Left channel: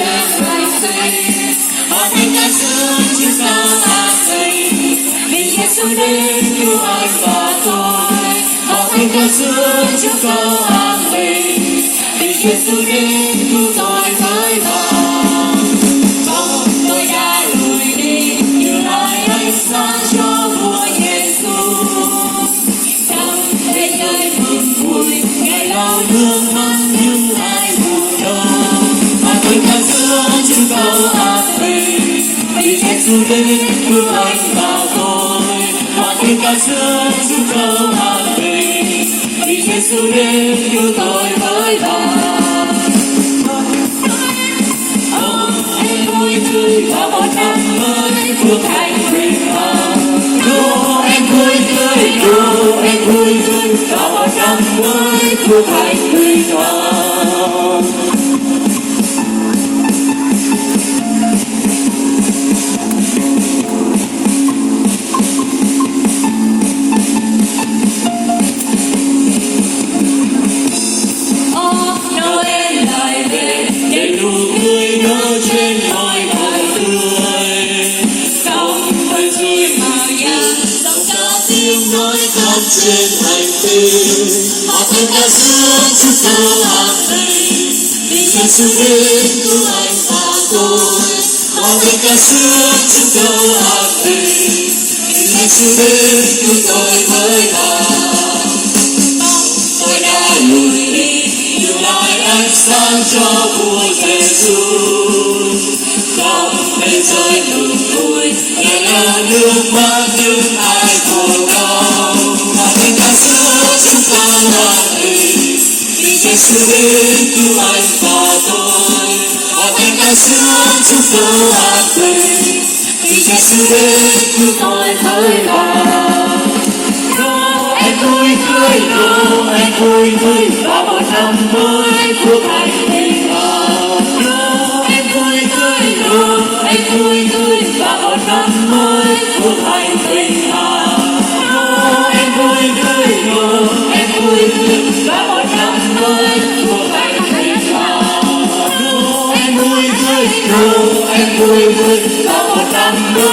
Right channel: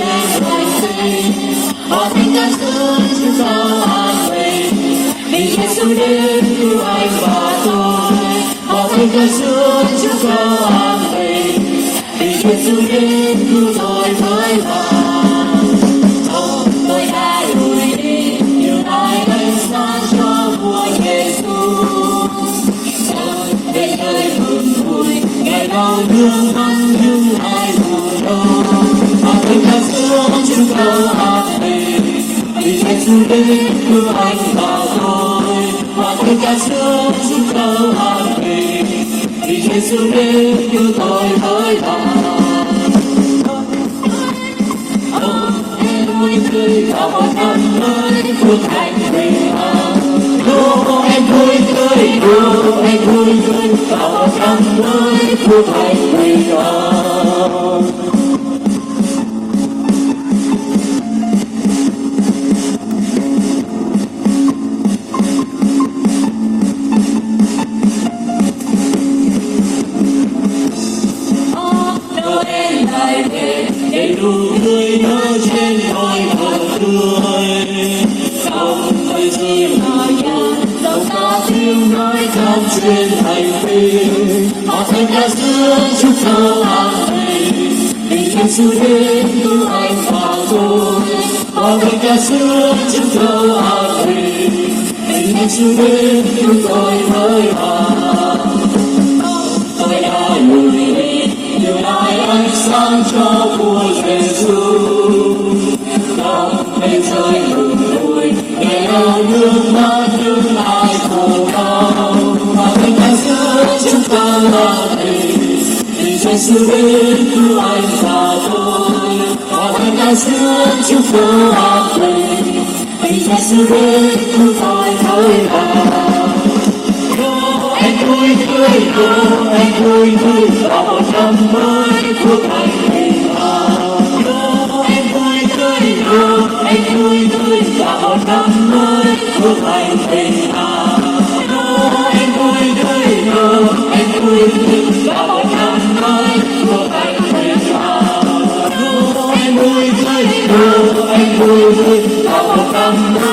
trên hành tinh. Họ thành ca sướng chiếu sao an bình, vì Giêsu đến cứu anh và tôi. Họ thành ca sướng chiếu sao an bình, vì Giêsu đến cứu tôi với vàng. Tôi đã lùi đi, như lại ánh sáng cho vua Giêsu. Về nơi mừng vui, ngày đau thương vắng những ai buồn đau. Họ thành ca sướng chiếu sao an bình, vì Giêsu đến cứu anh và tôi. Họ thành ca sướng chiếu sao an bình, vì Giêsu đến cứu tôi với vàng. Vui tươi và một năm mới phước hạnh bình an. Anh vui tươi, anh vui tươi và một năm mới phước hạnh bình an. Noel lại về, đầy đủ tươi nở trên ngôi mộ tươi. Dòng mây rơi màu vàng, dòng ca tiếng nói khắp trên hành tinh. Họ thành ca sướng chúc sao an bình, vì Giêsu đến cứu anh và tôi. Họ thành ca sướng chúc sao an bình, vì Giêsu đến cứu tôi với vàng. Tôi đã lùi đi, nhưng lại ánh sáng cho vua Giêsu. Khóc mây rơi mừng vui, để lau nước mắt những ai khổ đau. Họ thành ca sướng chúng con an bình, vì Giêsu đến cứu anh và tôi. Họ thành ca sướng chúng con an bình, vì Giêsu đến cứu tôi với vàng. Anh vui tươi, anh vui tươi và một năm mới phước hạnh bình an. Anh vui tươi, anh vui tươi và một năm mới phước hạnh bình an. Anh vui tươi, anh vui tươi và một năm mới phước hạnh bình an. Anh vui tươi, anh vui tươi và một năm mới